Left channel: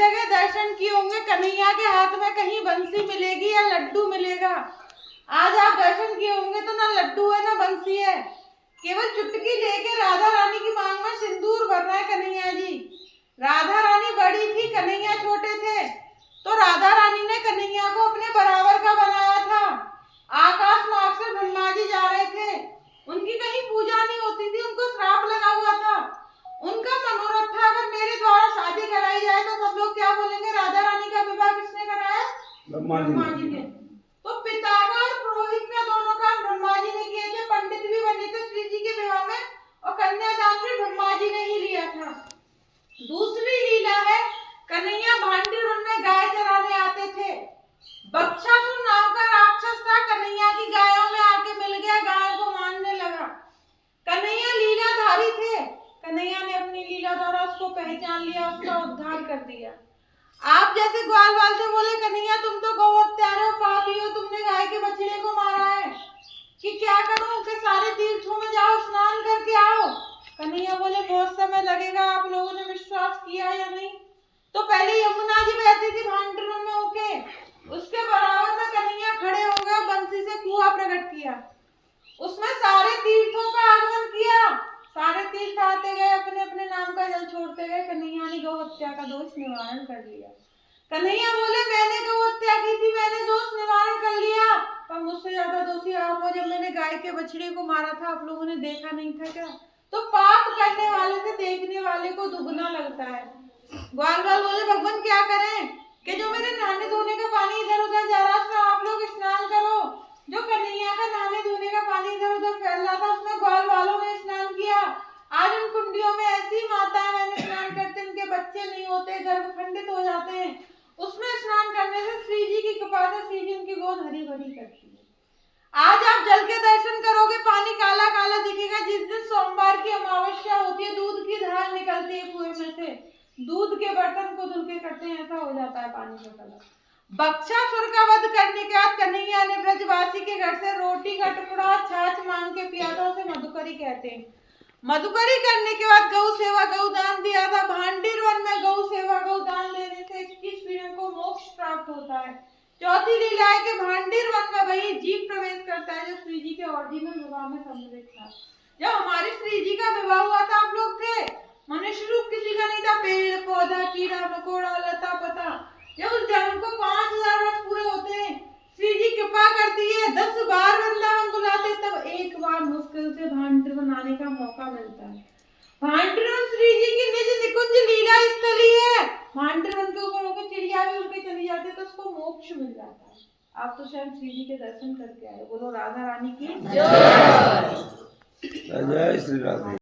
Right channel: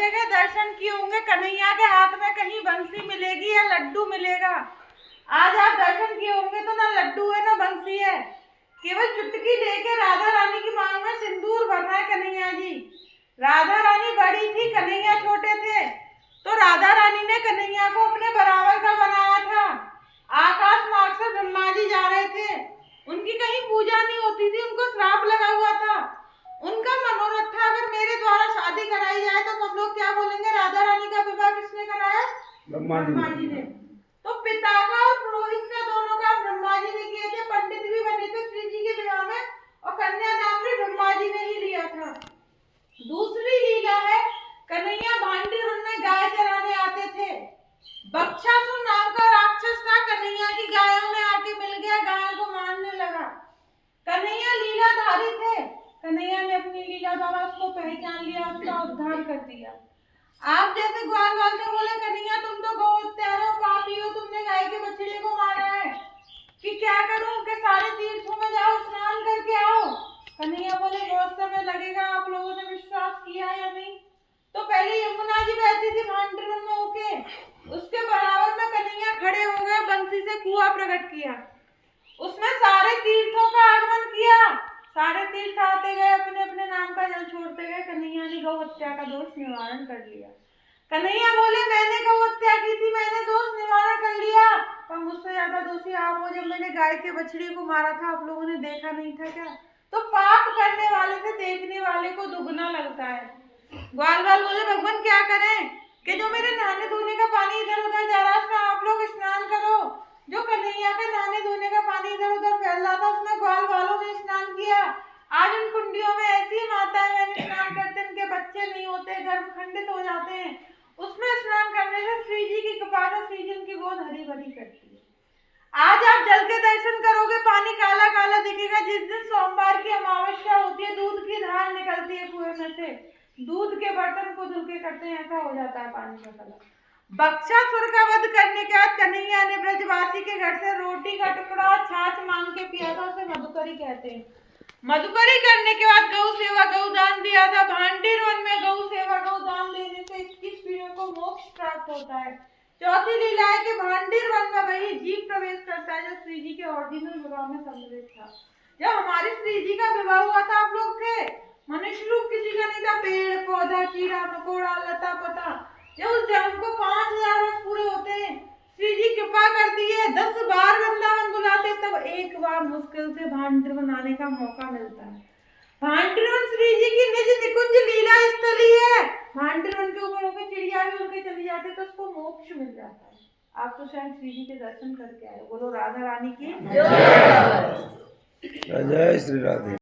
जगह दर्शन किए होंगे, कन्हैया के हाथ में कहीं बंसी मिलेगी या लड्डू मिलेगा। आज आप दर्शन किए होंगे तो ना लड्डू है ना बंसी है, केवल चुटकी लेके राधा रानी की मांग में सिंदूर भर रहा है कन्हैया जी। राधा रानी बड़ी थी, कन्हैया छोटे थे, तो राधा रानी ने कन्हैया को अपने बराबर का बनाया था। आकाश मार्ग से ब्रह्मा जी जा रहे थे, उनकी कहीं पूजा नहीं होती थी, उनको श्राप लगा हुआ था। उनका मनोरथ था अगर मेरे द्वारा शादी कराई जाए तो सब लोग क्या बोलेंगे, राधा रानी का विवाह किसने कराया? ब्रह्मा जी ने। तो पिता का और पुरोहित का दोनों का ब्रह्मा जी ने किए थे, पंडित भी बने थे श्री जी के विवाह में, और कन्यादान भी ब्रह्मा जी ने ही लिया था। दूसरी लीला है, कन्हैया भांडी वन में गाय चराने आते थे। बक्षासुर नाम का राक्षस था, कन्हैया की गायों में आके मिल गया, गायों को मारने लगा। कन्हैया लीलाधारी थे, कन्हैया ने अपनी लीला द्वारा उसको पहचान लिया, उसका उद्धार कर दिया। आप जैसे ग्वाल बाल से बोले, कन्हैया तुम तो गौ हत्यारे हो, पापी हो, तुमने गाय के बछड़े को मारा है, कि क्या करूं कि सारे तीर्थों में जाओ स्नान करके आओ। कन्हैया बोले बहुत समय लगेगा, आप लोगों ने विश्वास किया या नहीं? तो पहले यमुना जी बहती थी भांडरवन में होके, उसके बराबर में कन्हैया खड़े हो गए, बंसी से कुआं प्रकट किया, उसमें सारे तीर्थों का आगमन किया, सारे तीर्थ आते गए, अपने अपने नाम का जल छोड़ते गए। कन्हैया ने गौ हत्या का दोष निवारण कर लिया। कन्हैया बोले मैंने गौ हत्या की थी, मैंने दोष निवारण कर लिया, पर मुझसे ज्यादा दोषी आप हो, जब मैंने गाय के बछड़े को मारा था आप लोगों ने देखा नहीं था क्या? तो पाप करने वाले से देखने वाले को दुगना लगता है। ग्वाल बाल बोले भगवान क्या करें कि जो मेरे नहाने धोने का पानी इधर उधर जा रहा था, आप लोग स्नान करो। जो कन्हैया का नहाने धोने का पानी इधर उधर फैल रहा था, उसमें ग्वाल बालों ने स्नान किया। आज उन कुंडियों में ऐसी माताएं बहनें स्नान करते हैं, उनके बच्चे नहीं होते, गर्भ खंडित हो जाते हैं। उसमें स्नान करने से श्री जी की कृपा से श्री जी उनकी गोद हरी भरी करती है। आज आप जल के दर्शन करोगे, पानी काला काला दिखेगा। जिस दिन सोमवार की अमावस्या होती है, दूध की धार निकलती है कुएं में से, दूध के बर्तन को धुल के करते हैं, ऐसा हो जाता है पानी का कलर। बक्षासुर का वध करने के बाद कन्हैया ने ब्रजवासी के घर से रोटी का टुकड़ा और छाछ मांग के पिया था, उसे मधुकरी कहते हैं। मधुकरी करने के बाद गौ सेवा गौदान दिया था। भांडीर वन में गौ सेवा गौदान देने से 21 पीढ़ियों को मोक्ष प्राप्त होता है। चौथी लीला है कि भांडीर वन में वही जीव प्रवेश करता है जो श्री जी के ओरिजिनल विवाह में सम्मिलित था। जब हमारे श्री जी का विवाह हुआ था, आप लोग थे, मनुष्य रूप किसी का नहीं था, पेड़ पौधा कीड़ा मकोड़ा लता पता। जब उस जन्म को 5000 वर्ष पूरे होते हैं, श्री जी कृपा करती है, 10 बार वृंदावन बुलाते, तब एक बार मुश्किल से भांडरवन आने का मौका मिलता है। भांडरवन श्री जी की निज निकुंज लीला स्थली है। भांडरवन के ऊपर होकर चिड़िया भी उड़ के चली जाती है तो उसको मोक्ष मिल जाता है। आप तो स्वयं श्री जी के दर्शन करके आए। बोलो राधा रानी की जय। जय श्री राधे।